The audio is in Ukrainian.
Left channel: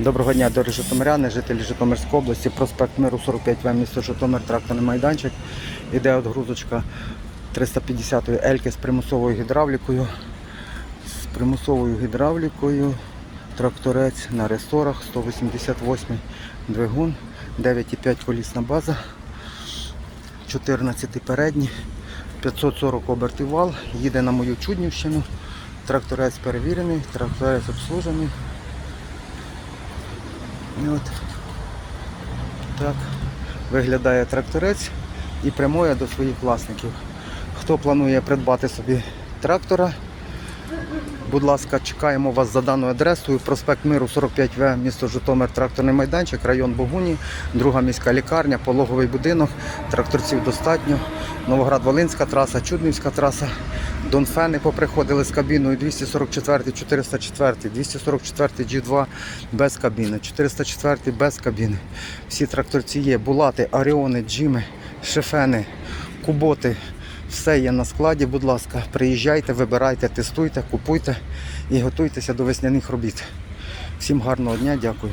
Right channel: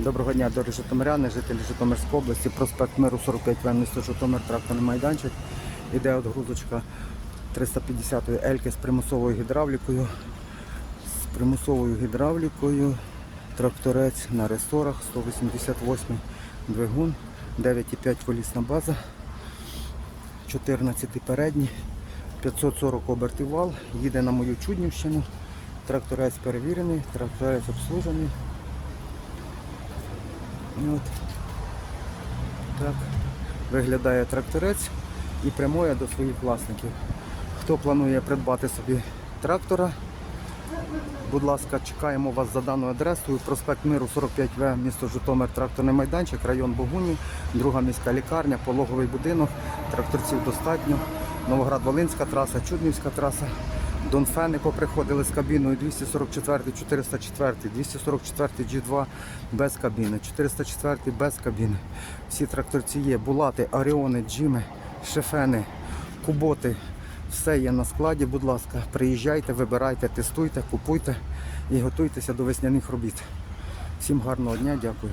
Доброго дня, дорогі житомиряни, жителі Житомирської області, проспект Миру 45В, місто Житомир, тракторний майданчик. Іде отгрузочка 350-ї Ельки з примусовою гідравлікою. З примусовою гідравлікою. Тракторець на ресорах, 188 двигун, 9,5 колісна база, 14 передні, 540 обертів вал, їде на мою Чуднівщину. Тракторець перевірений, тракторець обслужений. І от так виглядає тракторець і прямує до своїх власників. Хто планує придбати собі трактора, будь ласка, чекаємо вас за даною адресою. Проспект Миру 45В, місто Житомир, тракторний майданчик, район Богуні, друга міська лікарня, пологовий будинок, тракторців достатньо. Новоград-Волинська траса, Чуднівська траса. Донфени поприходили з кабіною 244, 404, 244 G2 без кабіни, 404 без кабіни. Всі тракторці є, булати, аріони, джими, шефени, куботи. Все є на складі, будь ласка, приїжджайте, вибирайте, тестуйте, купуйте і готуйтеся до весняних робіт. Всім гарного дня, дякую.